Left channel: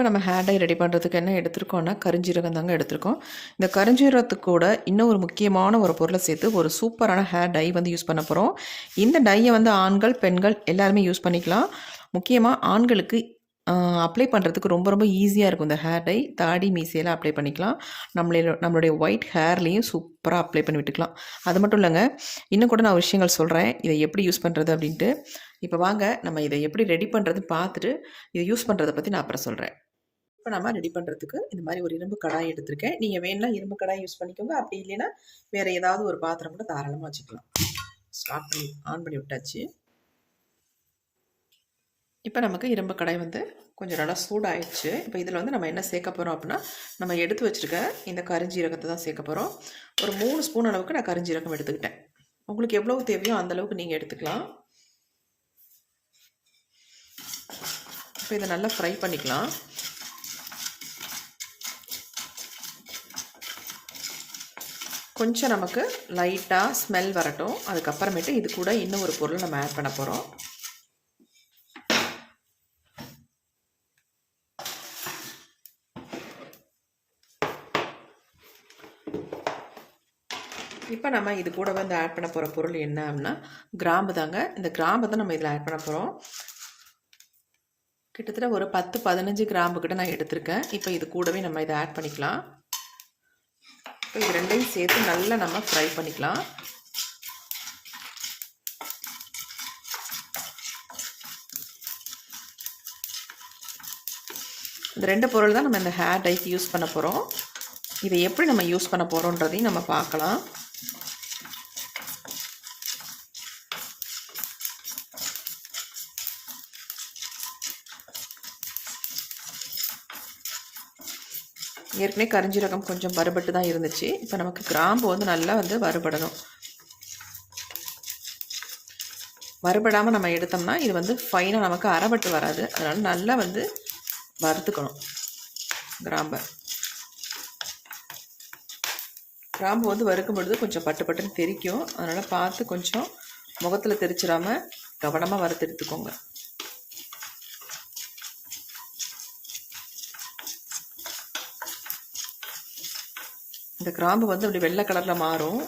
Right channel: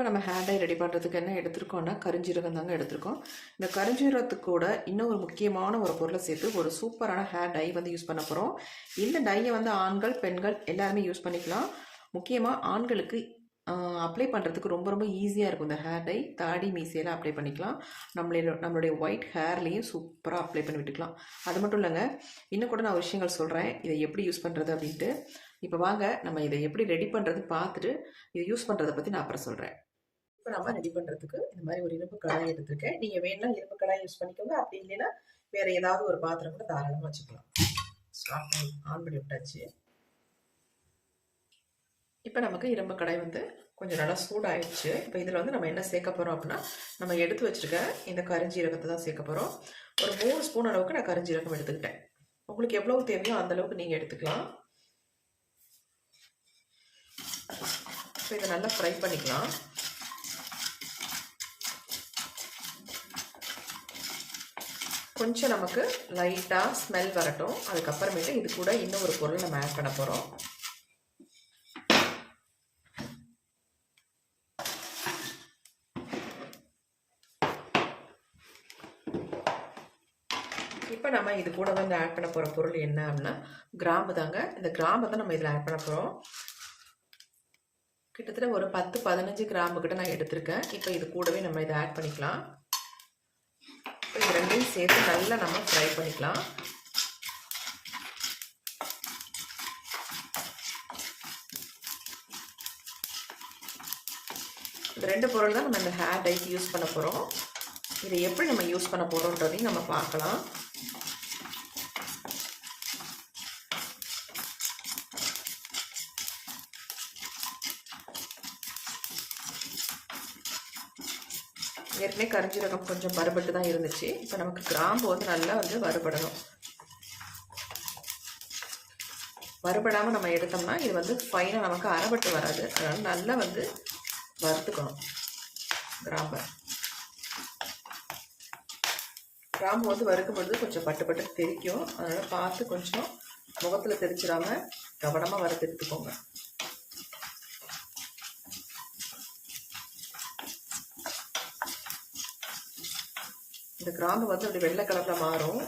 இப்போ நம்ம hair dye ready பண்ணுறதுக்கு என்ன எடுத்திருக்கோம்னா கரிஞ்சீரகம் தாங்க எடுத்திருக்கோம். இந்த கரிஞ்சீரகத்துக்கு கூட இன்னும் ஒரு முக்கியமான ஒரு பொருளை சேர்த்து ஒரு சூப்பரான ஹேர் டை வந்து யூஸ் பண்ண போகிறோம் இந்த டையை வந்து ஆண்கள் பெண்கள் எல்லாருமே யூஸ் பண்ணிக்கலாம். முக்கியமாக ஆண்களுக்கு அப்ளை பண்ணுறதுக்கு ரொம்ப ரொம்ப ஈஸியாக இருக்கும் இந்த ஹேர் டை தாடி மீசையெல்லாம் அப்ளை பண்ணிக்கலாம். நம்மளே நம்மளுடைய ஒயிட் ஹேர்லேயும் சூப்பராக அப்ளை பண்ணி விட்டுக்கலாம். அது மட்டும் இல்லைங்க இன்னும் கூட நான் விஷயங்கள் சொல்கிறேன் இதை எப்படி யூஸ் பண்ணுறது அப்படின்ட்டு. இப்போ வாங்க நம்ம இதை எப்படி ரெடி பண்ணுறது பார்த்துட்டு இதை யூஸ் பண்ணுறதை பற்றி நான் அப்புறம் சொல்கிறேன் இப்போ நம்ம ரெடி பண்ணுறதுக்கு இந்த மாதிரி ஒரு இரும்பு கடாய் எடுத்திருக்கேன். நீங்கள் வேணால் இரும்பு கடாய் யூஸ் பண்ணிக்கோங்க. அப்படி இல்லைன்னா வேறு ஏதாவது ஒரு பாத்திரம் கூட தாராளமாக வச்சுக்கலாம். ஸ்டாப் பண்ணி ஆன் பண்ணி விட்டாச்சு. இப்போ நமக்கு இரும்பு கடாய் வந்து கொஞ்சம் நல்லா சூடாயிடுச்சு. இப்போ இதில் வந்து நம்ம என்ன சேர்க்க போகிறோம் அப்படின்னா நம்ம எடுத்து வச்சுருக்க இந்த கரிஞ்சீரகத்தை தான் சேர்க்க போகிறோம் ஒரு மூணு ஸ்பூன் அளவுக்கு நான் கரிஞ்சீரகம் எடுத்துக்கிட்டேன். உங்களுக்கு எவ்வளோ தேவையோ அந்த அளவுக்கு நீங்கள் எடுத்துக்கலாம். இப்போ இதை நல்லா ஃப்ரை பண்ணிக்கலாம். கொஞ்சம் நமக்கு லைட்டாக ஸ்மெல் வரட்டும். அதுக்கப்புறமேட்டு இது கூட இன்னும் ஒரு பொருள் நம்ம ஆட் பண்ண போகிறோம் இப்போ நம்ம இது கூட வந்து ஆட் பண்ண போகிற பொருள் என்ன அப்படின்னா கிராம்பு தாங்க. இந்த கிராம்பு தான் நம்ம இதில் ஆட் பண்ண போகிறோம் கிட்டத்தட்ட ஒரு பத்து பதினஞ்சு கிராம்பு கிட்ட நான் எடுத்திருக்கேன். இப்போ இது கூடவே நம்ம இதை ஆட் பண்ணிக்கலாம். இப்போ இது ரெண்டையும் சேர்த்து நல்லா நம்ம ஃப்ரை பண்ணிக்கலாம். இந்த ரெண்டு பொருள் தான் நம்ம இந்த ஹேர் டைக்கு யூஸ் பண்ண போகிறோம் இதை எப்படி நம்ம யூஸ் பண்ண போகிறோன்றதையும் நம்ம பார்க்கலாம். ஏற்கனவே கரிஞ்சீரகம் கொஞ்சம் வறுபட்டு தான் இருந்துச்சு. இப்போ நமக்கு கிராம்பு வந்து நல்லா வந்து வறுபடணும். வறுபடாமல் நம்ம எடுத்தோம்னா இது வந்து ஃபைனாக நமக்கு அரைபட்டு வராது. அதனால் நல்லா வந்து வறுத்துக்கணும் கிராம்பை. கிராம்பு வந்து வறுக்கும் பொழுது கொஞ்சம் பட்டு பட்டுன்னு தெரிக்கும். அதனால் பார்த்து கொஞ்சம் முகத்தில் தெரிச்சிடாமல் கவனமாக வறுத்து எடுத்துக்கோங்க. இந்த கிராம்பு வந்து இப்படி வெள்ளை கலரில் மாறும்.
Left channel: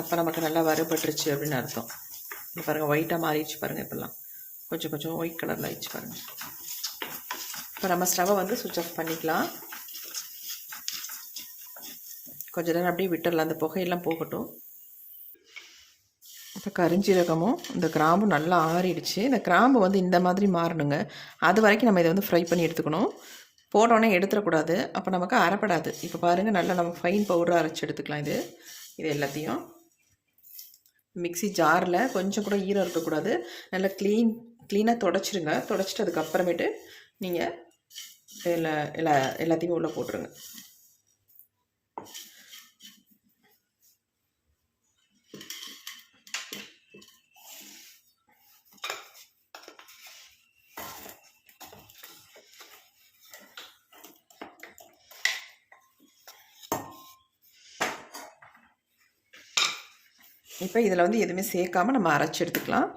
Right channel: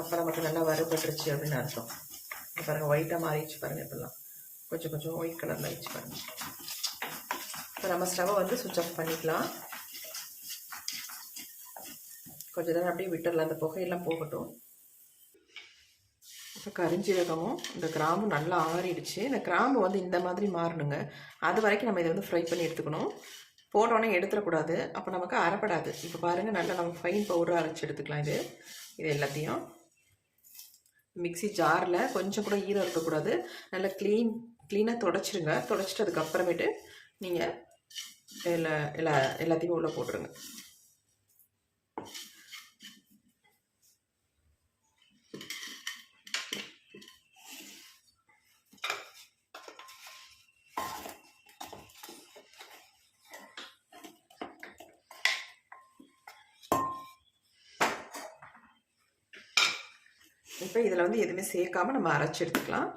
அப்போ நமக்கு நல்லா வறுபட்டுருச்சு அப்படின்னு அர்த்தம். இப்போ பாருங்கள் ஒயிட்டாக மாறிடுச்சு பாருங்கள் இப்போல்லாம். கொஞ்சம் கொஞ்சம் ஒயிட் கலரில் ஆயிடுச்சு பாருங்கள் இப்போ நம்ம ஸ்டவ்வை வந்து சுவிட்ச் ஆஃப் பண்ணிக்கலாம். கொஞ்ச நேரம் அப்படியே விட்டுடலாம். அந்த புகையெல்லாம் போகட்டும். இப்போ கரிஞ்சீரகமும் இந்த கிராம்பும் நல்லா ஆறிடுச்சு. இந்த கிராம்பு வந்து இந்த மாதிரி மாறணுங்க. அது வரைக்கும் நம்ம இதை வந்து ஃப்ரை பண்ணி எடுத்துக்கணும். போட்டோன்னே எடுத்துடக்கூடாது. அப்போ நமக்கு அரைப்படாது இப்போ பாருங்கள் நல்லா நம்ம ஃபைன் பவுடர் அரைச்சி எடுத்துக்கலாம் இது. இது எல்லாத்தையும். மிக்சி ஜாரில் கொஞ்சம் கூட ஈரம் இருக்கக்கூடாது. நல்லா க்ளீன் க்ளீனாக தொடச்சிருங்க. தொடச்சிட்டு அதுக்கப்புறமேட்டு நீங்கள் எல்லா எல்லா எல்லாத்தையும் உள்ளே போட்டுருங்க. இப்போ இதில் வந்து எதுவுமே சேர்க்காம நம்ம அரைச்சி எடுத்துக்கலாம்.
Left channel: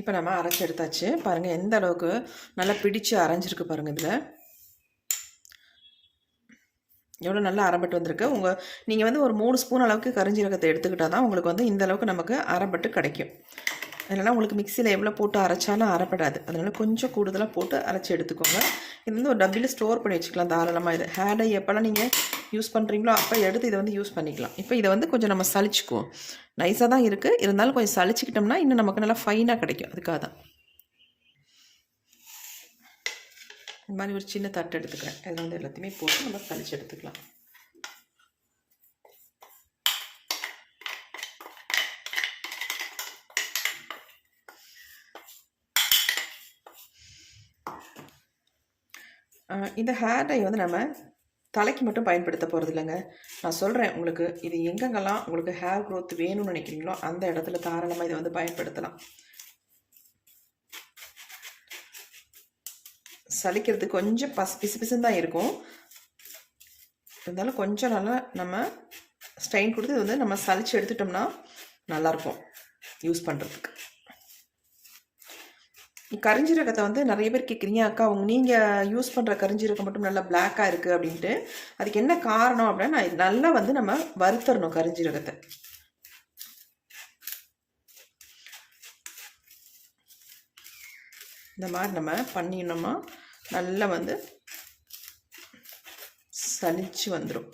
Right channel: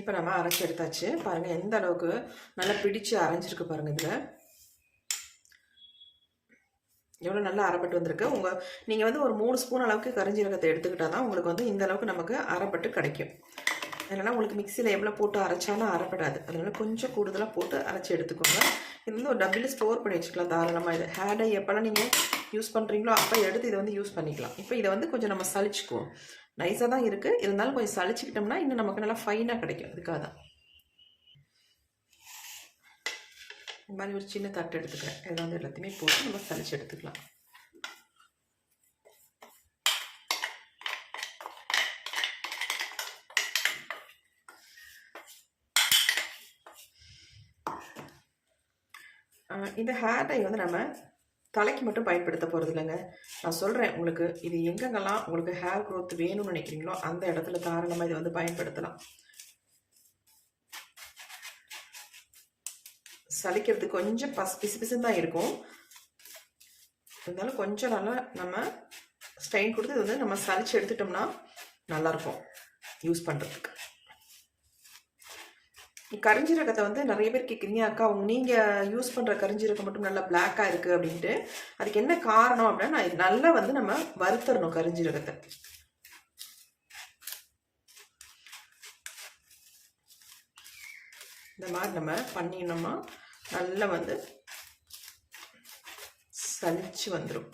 இப்போ நம்ம அரைச்சி எடுத்தாச்சு. பாருங்கள் எந்த அளவுக்கு நல்லா பிடிச்சு அரைஞ்சிருக்கு பாருங்கள் இதில். எவ்வளோ நல்லா அரைப்பட்டு வந்திருக்கு. உங்கள் நீங்கள் வந்து ஒரு மூணு ஸ்பூன் அளவுக்கு கரிஞ்சீரகத்தை எடுத்துக்கிட்டால் தான் உங்களுக்கு வந்து இந்த அளவுக்கு நமக்கு அரைப்பட்டு கிடைக்கும். அதனால் உங்களுக்கு மிக்சியில் எவ்வளோ போட்டு அரைச்சாலும் அரைப்படாது. அதனால் கொஞ்சம் கூடுதலாக போட்டு அரைச்சி எடுத்துக்கோங்க. இது வந்து ஒரு டப்பில் ஸ்டோர் பண்ணி வச்சுக்கலாம் தாராளமாக இது. ஹேடை எப்போல்லாம் நீங்கள் யூஸ் பண்ணுறீங்களோ அப்போ எடுத்து இதை வந்து யூஸ் பண்ணிக்கலாம். இப்போ இதை வந்து கொஞ்சம் நம்ம சளிச்சுக்குவோம் நைஸாக தான் இருக்குது இருந்தாலும் கொஞ்சம் சளிச்சிக்கிட்டோம்னா இன்னும் நமக்கு நல்லா ஃபைனாக கிடைக்கும். அதுக்காக தான். இந்த மாதிரி ஒரு சின்ன தட்டு எடுத்துக்கிறேன். இதில் வந்து எல்லாத்தையுமே போட்டு நம்ம சளிச்சு எடுத்துக்கலாம். இந்த ஹேர் டை வந்து நம்ம தலைக்கு மட்டும் பயன்படுத்த போகிறது இல்லைங்க நான் சொல்கிறேன் உங்களுக்கு இது எங்கெங்கெல்லாம் உங்களுக்கு ஹேர் க்ரோத் வேணும்னு நினைக்கிறீங்களோ அந்த இடத்துல தாராளமாக இதை வந்து பயன்படுத்தலாம். சலிக்கிறது கொஞ்சம் பஸ் பிசு பிசுன்னு தான் இருக்கும். இருந்தாலும் கொஞ்சம் நல்லா நம்ம ஸ்ட்ரெயின் கொடுத்து இது வந்து நம்ம சலிச்சு எடுத்துட்டோம்னா நல்லாயிருக்கும். யூஸ் பண்ணுறதுக்கு கரிஞ்சீரகத்தை வந்து நிறைய பேர் கேட்குறீங்க அக்கா உங்க நீங்கள் யூஸ் பண்ணுற கரிஞ்சீரகம் மட்டும் நல்லா பிளாக்காக இருக்குது அப்படின்ட்டு. அதுக்கு என்ன காரணம் அப்படின்னா நான் நல்லா வந்து நம்ம வறுத்தரணும் கரிஞ்சீரகத்தை. இந்த மாதிரி நம்ம பண்ணினோமா நல்லா வந்து சலிச்சு வந்துடும்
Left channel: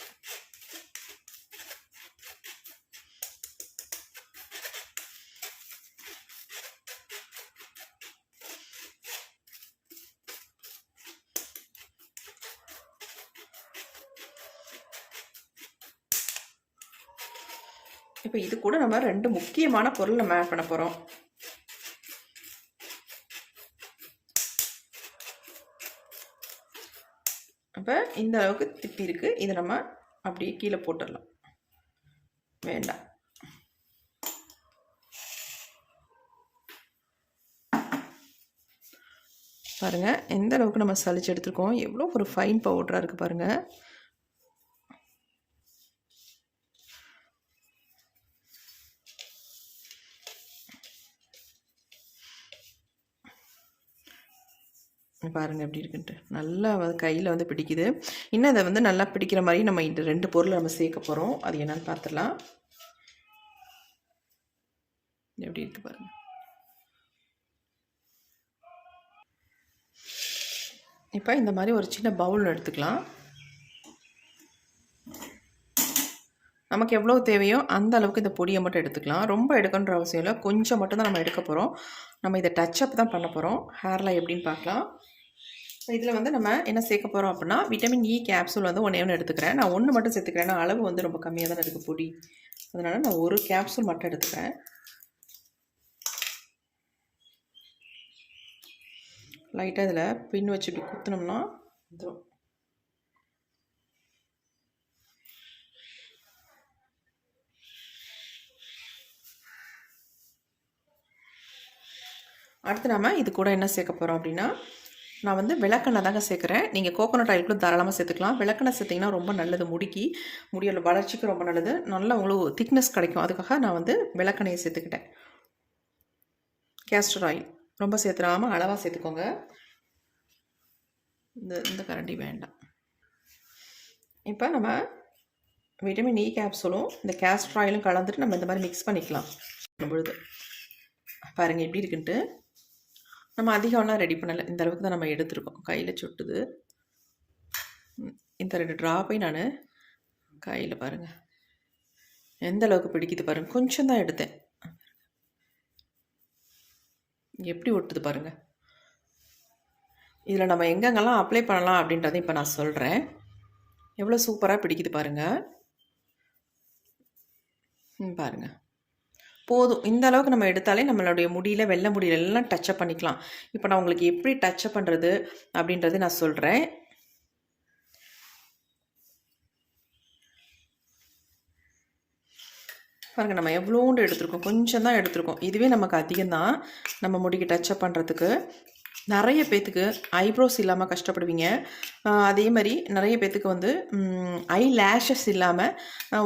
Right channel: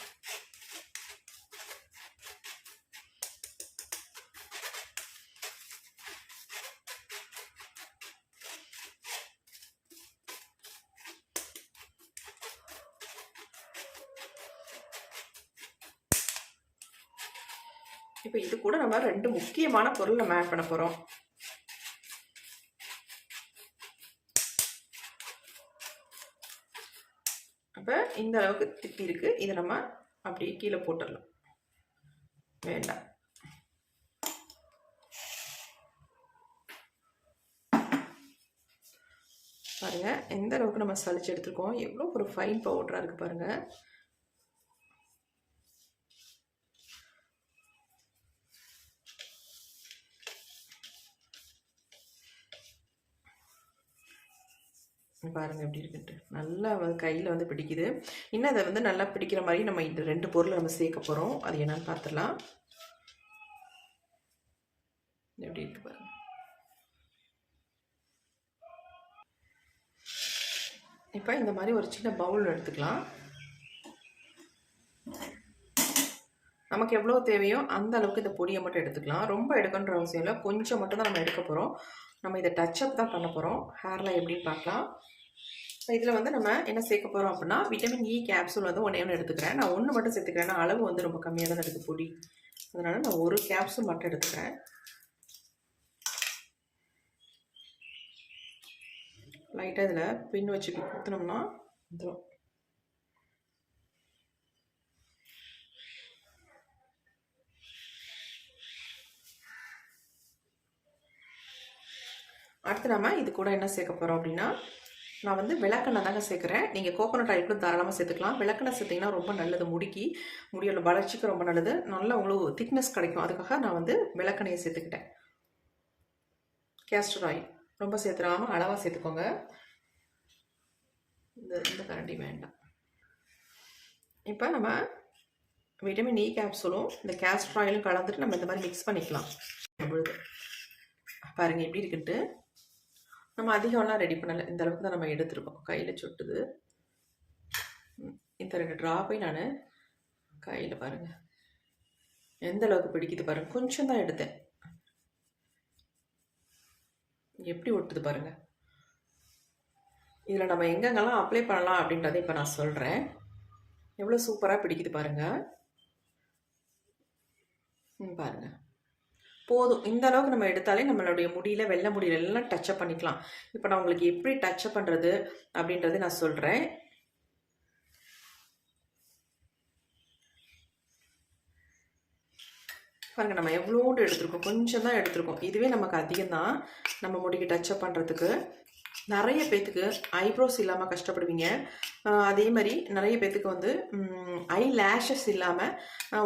இப்போ இது கூட நம்ம ரெண்டு முக்கியமான பொருள் நம்ம ஆட் பண்ண போகிறோம் அப்போ இந்த அளவுக்கு திப்பி இருக்குது இதை நம்ம அப்படியே கீழே போட்டுடலாம். வேண்டாம். பாருங்கள் எந்த அளவுக்கு நம்ம சளிச்சு எடுத்துருக்கோம். எவ்வளோ ஒரு ஃபைன் பவுடராக இருக்குது பாருங்கள் பாருங்கள் எப்படி இருக்குன்ட்டு. நல்லா வந்து கையில் வந்து பிடிக்குது. இன்னும் இதை வந்து நல்லா பிடிக்கிற மாதிரி நம்ம இந்த ரெண்டு பொருளை நம்ம சேர்க்க போகிறோம் அது என்னென்னு பார்த்துடலாம் எப்படி இருக்குது பாருங்கள் இப்போ இந்த மாதிரி ஒரு சின்ன பவுல் எடுத்துக்கலாம். நமக்கு எவ்வளோ தேவையோ அந்த அளவுக்கு இந்த பொடியை மட்டும் எடுத்துக்கலாம். ரொம்ப எடுக்கணுன்ற அவசியம் இல்லை. கொஞ்சம் மட்டும் தான் நம்ம எடுக்க போகிறோம் நம்ம இதை டச்சப் தான் பண்ண போகிறோம் ஹேரில் எப்படின்னு பார்க்கலாம். இதில் வந்து நம்ம என்ன சேர்க்க போகிறோம் அப்படின்னா விட்டமின் இ கேப்சூல் வந்து ஒன்றே ஒன்று எடுத்துக்கிறேன். நான் ஒன்று மட்டும் சேர்த்துக்கிறேன். அளவு வந்து ரொம்ப கம்மியாக தான் இருக்குது பொடி. அதனால் நான் ஒரு கேப்சூல் மட்டும் எடுத்துக்கிறேன். லைட்டாக இதில் பின் வச்சு இப்படி குத்தினோம்னா வந்துடும் அடுத்து நம்ம இது கூட என்ன சேர்க்க போகிறோம் அப்படின்னா நான் வந்து விளக்கெண்ணெய் தாங்க சேர்க்குறேன். நீங்கள் கோகோனட் ஆயில் கூட தாராளமாக சேர்த்துக்கலாம். விளக்கெண்ணெய் சேர்த்திங்கன்னா ரொம்ப நல்லது. முடிக்கி முடியோட வளர்ச்சிக்கு ரொம்ப நல்லது. நல்லா உங்களுக்கு திக்னஸ் கிடைக்கும். அதுக்காக நான் வந்து விளக்கெண்ணையை சேர்த்துக்கிட்டேன். கேஸ்டர் ஆயில் ரொம்ப சேர்த்துடாமல் அளவாக சேர்த்துக்கோங்க. இந்த இந்த கரண்டி வேண்டாம். இப்போ நம்ம விட்டமின் இ கேப்சூலும் இந்த கேஸ்டர் ஆயிலும் கலந்துட்டு நம்ம இந்த மாதிரி மிக்ஸ் பண்ணிக்கலாம். பொழுது. பாருங்கள் எப்படி இருக்குன்ட்டு. நம்ம அதிகம்லாம் ரெடி பண்ணலை. இந்த அளவுக்கு தான் நம்ம எடுத்துருக்கோம். கையில் சுட்டுது. இந்த ரெண்டு ட்ராப்பையும் நான் கையில் பாருங்கள் எந்த அளவுக்கு பிடிக்குது பாருங்கள் கொஞ்சம் தான் எடுத்தேன். எப்படி ஒட்டுது பாருங்கள் இதில் நம்ம எங்கெங்கெல்லாம் அப்ளை பண்ணலாம் அப்படின்றத இப்போ நான் சொல்கிறேன் எவ்வளோ சூப்பராக பிடிக்குது பாருங்கள் பாருங்கள் போதும். இந்த அளவுக்கு நம்ம எடுத்தாலே நம்மளுடைய முடியல வெள்ளை முடியல எல்லாம் டச்சப் பண்ணிக்கலாம். இப்போ நான் உங்களுக்கு எப்படி டச்சப் பண்ணுறது அப்படின்றது நான் சொல்கிறேன் பாருங்கள் நம்ம எவ்வளோண்டு எடுத்திருக்கோம்? கொஞ்சம் தான் எடுத்திருக்கோம். இதுவே நமக்கு அதிகம் தான் நம்ம முடிக்கு டச்சப் பண்ணுறதுக்கு நிறைய பேத்துக்கு ஐப்ரோஸ் இல்லாமல் கஷ்டப்படுவீங்க. அதே மாதிரி நிறைய பேத்துக்கு வந்து ஐ லேஷஸ் இல்லாமல்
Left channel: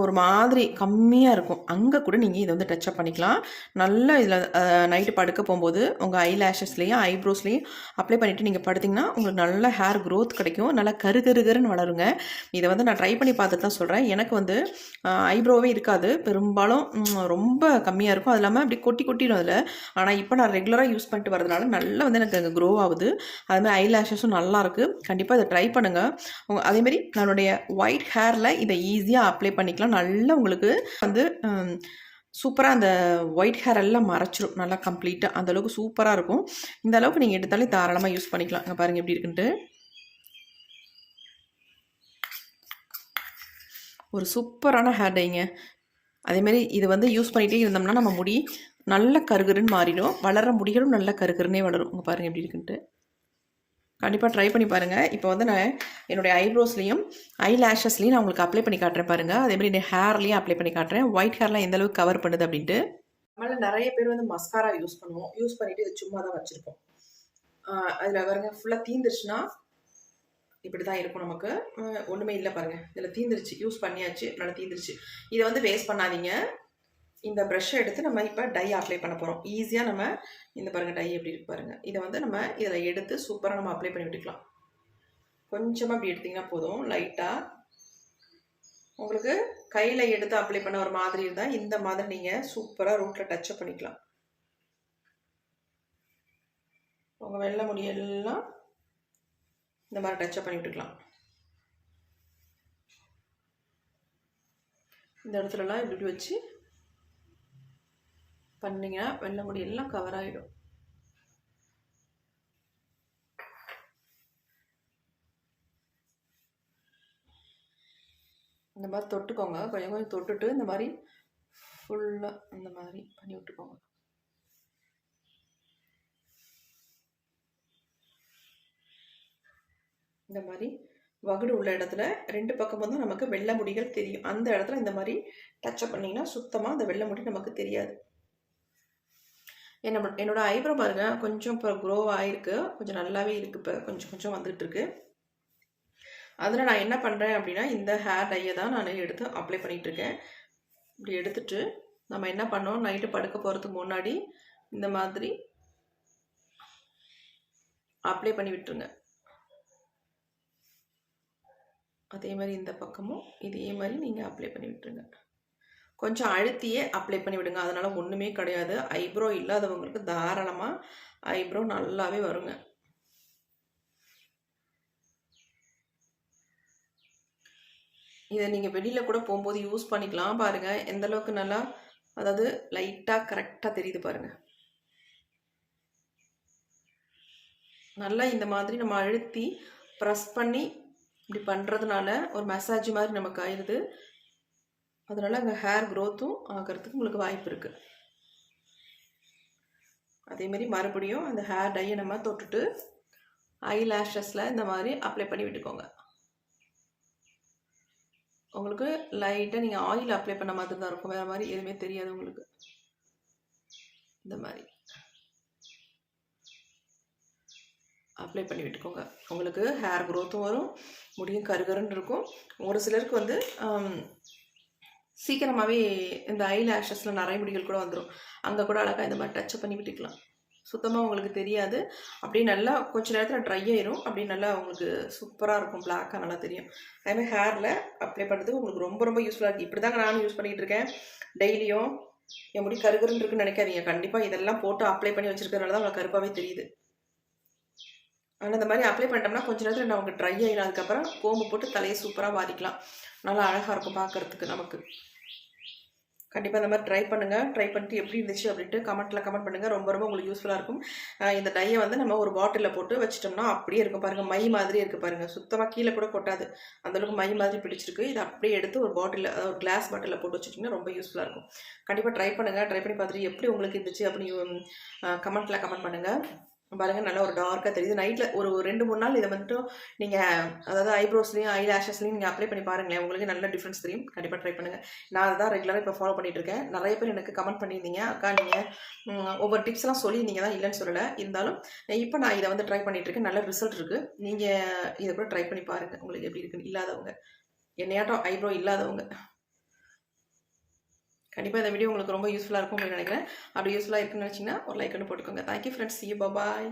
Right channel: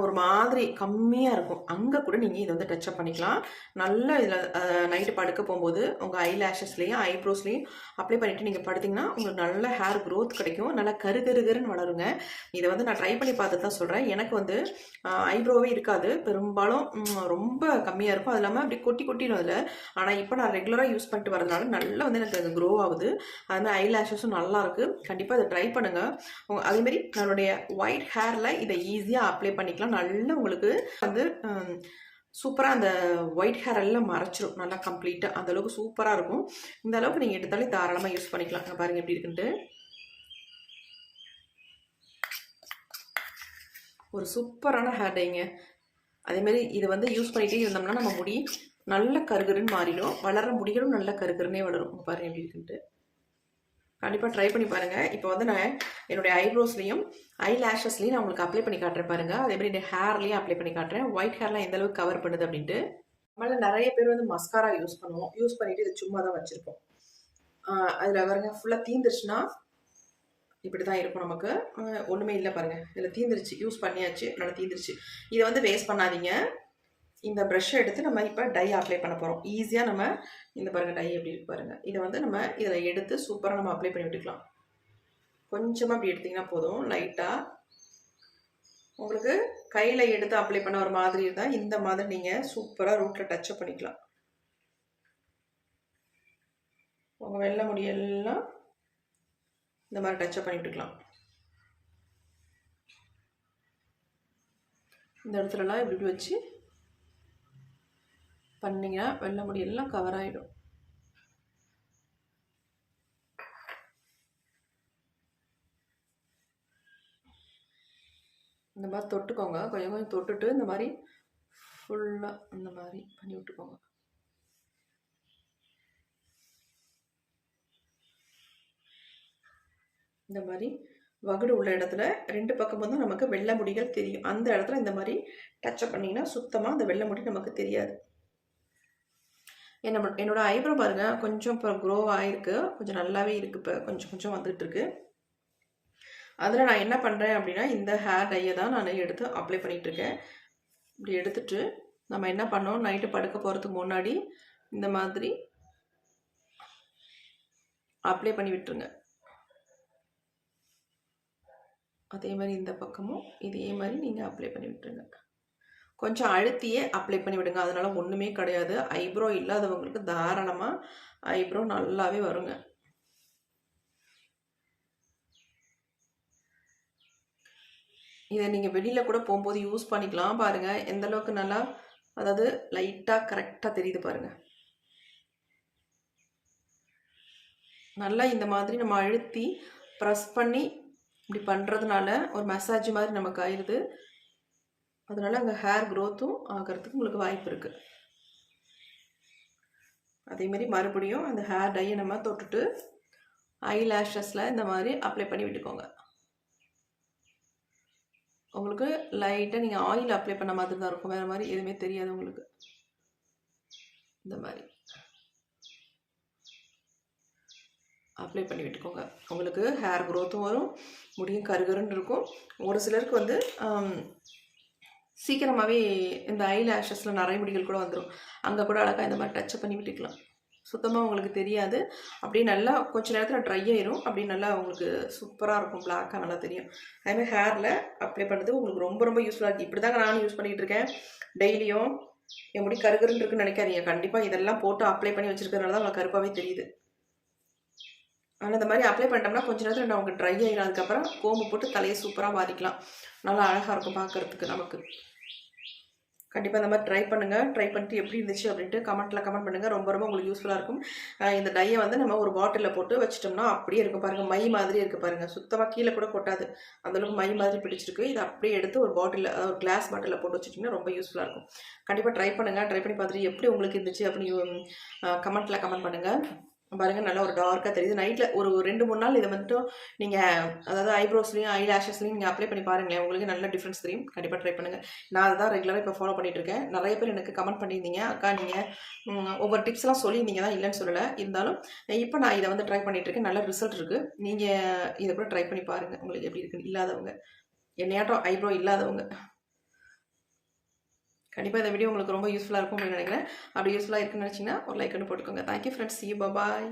ஒரு மாதிரி கம்மியாக இருக்கும். அங்கே கூட நீங்கள் இதை வந்து டச்சப் பண்ணிக்கலாம். நல்லா இதில் நைட்டு படுக்க போகும்போது உங்கள் ஐ லேஷஸ்லேயும் ஐப்ரோஸ்லேயும் அப்ளை பண்ணிவிட்டு நீங்கள் படுத்திங்கன்னா உங்களுக்கு நல்ல ஹேர் க்ரோத் கிடைக்கும். நல்லா கரு கருகருன்னு வளருங்க. இதை வந்து நான் ட்ரை பண்ணி பார்த்துட்டு தான் சொல்கிறேன் எனக்கு வந்து ஐப்ரோவே இருக்காது. பெரும்பாலும் ரொம்ப கம்மியாக இருக்கும். அது இல்லாமல் அப்படி கொட்டி கொட்டிடும் அதில். ஆனால் இப்போ நான் ரெகுலராக யூஸ் பண்ணிட்டு வரதுனால நல்லா வந்து எனக்கு க்ளோ ஆகுது. அதுமாதிரி ஐ லேஷஸும் நல்லாயிருக்கு கண்டிப்பாக இதை ட்ரை பண்ணுங்கள் அதேமாரி நம்மளுடைய ஒயிட் ஹேரில் இதை ஈஸியாக அப்ளை பண்ணிக்கலாம். நல்லா உங்களுக்கு வந்து சூப்பராக அந்த ஒயிட் ஹேர் எல்லாம் மறைச்சிரும். நல்லா கம்ப்ளீட்டாக அந்தளவுக்கு சூப்பராக இருக்கும். இந்த அளவுக்கு நீங்கள் எடுத்தாலே தாராளமாக யூஸ் பண்ணிக்கலாம். அங்கே பாருங்கள் எப்படி இருக்குன்ட்டு. ஒரு சூப்பரான ஹேர் டைங்க அதேமாரி இது வந்து யூஸ் பண்ணிகிட்டே இருந்தோம்னா நம்ம முடி நல்ல கருகருன்னு மாறிடும். வளர முடிகளும் நல்ல கருகருன்னே வளரும். உங்கள் பாருங்கள் எப்படி இருக்குன்ட்டு. கண்டிப்பாக ட்ரை பண்ணி பாருங்கள் இப்போ வந்து நான் என்னுடைய ஐப்ரோஸ்லேயும் ஐ லேஷஸ்லேயும் நான் உங்களுக்கு அப்ளை பண்ணி காட்டுறேன் பாருங்கள் அதேமாதிரி என் ஹேர்லேயும் அப்ளை பண்ணி காட்டுறேன். ஒயிட் ஹேர்லாம் எந்த அளவுக்கு கவர் பண்ணுது அப்படின்ட்டு. நம்மளால் நிறைய பேர் வந்து மஸ்காரா யூஸ் பண்ணுவோம். யூஸ் பண்ணிவிட்டு இது சும்மா தான் வச்சுருப்போம் அதில் பாருங்க ஃபுல்லாக தீந்துருச்சுன்னா இப்படி தான் இருக்கும் நமக்கு. ஒன்றுமே இல்லை பாருங்கள் இதில் தீந்துருச்சு. யூஸ் பண்ணியாச்சு. நல்லா தீந்துருச்சு. இதை வந்து வேஸ்ட் பண்ணாதீங்க. இந்த ப்ரெஷ்ஷை எடுத்து நம்ம இப்போ டை அப்ளை பண்ண போகிறோம் ஈஸியாக நம்ம இந்த பாருங்கள் டை எப்படி இருக்கு பாருங்கள் இதை வந்து நம்ம இதில் எடுத்து சூப்பராக நம்ம அப்ளை பண்ணி விட்டுக்கலாம். கொஞ்சமாக அப்படி எடுத்திங்கன்னா போதும். லைட்டாக உங்களுக்கு கையில் எடுத்து அப்ளை பண்ண ஒரு மாதிரி இருந்தால் இந்த மாதிரி நீங்கள் சூப்பராக ரூட்டில் டச்சப் பண்ணிக்கலாம். உங்கள் வெள்ளை முடியெல்லாம் இந்த மாதிரி டச்சப் பண்ணி விட்டுக்கலாம். இந்த இடத்துலலாம் இப்படி வச்சு பண்ணிங்கன்னா வெள்ளை முடி எல்லாம் கவர் ஆகிடும் இந்த மாதிரி தொட்டுக்கோங்க. கொஞ்சம் கொஞ்சம் தொட்டுட்டு இந்த மாதிரி ஃபுல்லாக இந்த மாதிரி பண்ணி விட்டுக்கோங்க. இந்த மாதிரி வகுடு உள்ள இடத்துல ரெண்டு பக்கமும் தான் நமக்கு வெள்ளை முடிகள் தெரியும். அந்த இடத்துல இந்த மாதிரி டச்சப் பண்ணிங்கன்னா சுத்தமாக அந்த வெள்ளை முடி நமக்கு தெரியாது. என்ன என்னோடய ஐப்ரோ பாருங்கள் கொஞ்சம் இப்போ க்ரோ ஆகிருக்கு கொஞ்சம் நல்லாவே இருக்குது இப்போ. கொஞ்சம் கொஞ்சம் வந்துட்டு இருக்கு அதில் நான் என்ன பண்ணுறேன் அப்படின்னா இந்த ஹேர் டையை தான் நான் எடுத்து அப்ளை பண்ணிகிட்ருக்கேன் இப்படி எடுத்துட்டு நம்ம என்ன பண்ணோம்? நைட்டு படுக்க போகிறதுக்கு முன்னாடி இந்த மாதிரி அப்ளை பண்ணி விட்டுருங்க. அதே மாதிரி இந்த பக்கமும் இதே மாதிரி நீங்கள் அப்ளை பண்ணி விட்டுருங்க. கொஞ்சம் அழுத்தியே அப்ளை பண்ணி விடுங்க. அதனால் ஒன்றுமே கிடையாது. ஐப்ரோ இல்லாதவங்களுக்கு தாராளமாக ஐப்ரோ நல்லாவே வருங்க. இதை நீங்கள் வெளியில் கூட போகும்போது யூஸ் பண்ணிக்கலாம் பாருங்கள் எந்த அளவுக்கு நல்லா அதாவது லைட்டாக கரெக்டாக தெரியுது பாருங்கள் நல்லா இந்த மாதிரி நம்ம அழுத்தி ப்ரெஸ் பண்ணி இப்படி பண்ணுறதுனால ஒரு மசாஜ் மாதிரி நமக்கு ஆயிடுது அதனால் அங்கே ஹேர் க்ரோத்தும் ஆகிறதுக்கு உங்களுக்கு வாய்ப்பு இருக்குது அதேமாரி மறுபடியும் அந்த ஹேர் டையை நம்ம தொட்டுட்டு ஐ லேஷஸில் இந்த மாதிரி அப்ளை பண்ணி விட்டுக்கோங்க. உங்களுக்கு லைட்டாக நீங்கள் ஆயில் அப்ளை பண்ண மாதிரி தான் இருக்கும். வேறு மாதிரி எதுவுமே தெரியாது உங்களுக்கு. இந்த மாதிரி. அப்ளை பண்ணி விட்டுக்கோங்க. உங்களுக்கு ஹேர் க்ரோத்தும் வரும். முடியும் கருகருன்னு இருக்கும். ஒரு சிலருக்கு வந்து சீக்கிரமாகவே இந்த ஐ லேஷஸில் நிறைய முடிகள் கூட வந்துடும் அங்கே கூட அழகாக இந்த மாதிரி டச் பண்ணி விட்டுக்கலாம். சுத்தமாக உங்களுக்கு தெரியாது. அப்படியே நல்லா கொஞ்ச நேரத்தில் ட்ரை ஆயிரும். அப்படியே நல்லா உங்களுக்கு சூப்பராக இருக்கும். பிளாக்காக நல்லா தெரியும். அதேமாதிரி ஹேரில் அப்ளை பண்ணுறது உங்களுக்கு ரொம்ப ரொம்ப யூஸ்ஃபுல்லாக இருக்குது இப்படி தாங்க நானும் யூஸ் பண்ணிகிட்டு இருக்கேன். டெய்லியும் என் முடி கருகருன்னு இருக்குன்னு நினைக்காதீங்க. கண்டிப்பாக இதெல்லாம் போட்டு அப்ளை பண்ணி வச்சுருக்கிறதுனால தான் உங்களுக்கு கருப்பாகவே தெரியுது. ஆனால் இந்த மாதிரி அப்ளை பண்ணிட்டோம்னா கொஞ்ச நேரத்தில் நமக்கு ட்ரை ஆகிடும் அதுக்கப்புறம் கோம்பு போட்டு தலையை சூப்பராக வாதிக்கலாம். நல்லா அழகாக இருக்கும் பார்க்குறதுக்கு நமக்கு. கண்டிப்பாக இந்த மாதிரி ட்ரை பண்ணுங்கள் ட்ரை பண்ணிட்டு எப்படி இருந்துச்சு அப்படின்ட்டு கமெண்ட்டில் கமெண்ட் பண்ணுங்கள் ரொம்ப ரொம்ப உங்களுக்கு யூஸ்ஃபுல்லாக இருக்கும். இந்த டையை வந்து நம்ம ஒரு பாட்டிலில் போட்டு வச்சிட்டோம்னா அப்படியே இருக்கும் பாருங்கள் மை மாதிரி இருக்குது பாருங்கள் சுத்தமாக கீழே கூட கொட்டாது. அந்தளவுக்கு மை மாதிரி பிடிச்சிருக்கு. இதை அப்படியே எடுத்து ஒரு பாட்டிலில் ஒரு கிளாஸ் பாட்டிலில் போட்டு வச்சுட்டிங்கன்னா ரொம்ப யூஸ்ஃபுல்லாக இருக்கும். கண்டிப்பாக ட்ரை பண்ணுங்கள் ட்ரை பண்ணி பார்த்துட்டு எப்படி உங்களுக்கு இருந்துச்சு அப்படின்னு கமெண்ட்டில் கமெண்ட் பண்ணுங்கள் பாருங்கள் நல்லா ஒரு டார்க்காக தெரியுது. நைட்டில் ஒரு ரெண்டு மூணு நாள் இதை மட்டும் நீங்கள் அதாவது ஐப்ரோஸ்லையும் ஐ லேஷஸ்லையும் நீங்கள் அப்ளை பண்ணி பாருங்களேன். உங்களுக்கு நல்ல டிஃப்ரென்ஸ் தெரியும். கண்டிப்பாக ட்ரை பண்ணுங்கள் நான் அதுதான் ரெகுலராக இப்போ ஃபாலோ பண்ணிட்டு இருக்கேன். நிறைய பேர் எனக்கு கமெண்ட் பண்ணியிருந்தீங்க. அக்கா நீங்கள் ஒவ்வொரு டிப்ஸ்லாம் சொல்லியிருந்தீங்க. தான் இல்லைன்னு சொல்லலை. இருந்தாலும் இப்போ நான் இதை வந்து ட்ரை பண்ணிகிட்ருக்கேன் இருக்கேன். நல்ல ரிசல்ட் இருக்குது நீங்கள் இதை கூட ட்ரை பண்ணி பாருங்கள் உங்களுக்கு எப்படி இருக்குன்னு. இல்லாதவங்க. என்னையாட்டம் ஐப்ரோ இல்லாதவங்க. கண்டிப்பாக இந்த வீடியோ உங்களுக்கு ரொம்ப யூஸ்ஃபுல்லாக இருக்கும் அப்படின்னு நினைக்கிறேன். அப்படி யூஸ்ஃபுல்லாக இருக்குன்னு நினச்சிங்கன்னா ஒரு லைக் ஒன்று போட்டுக்கோங்க. தேங்க்யூ ஃப்ரெண்ட்ஸ் சி பாய்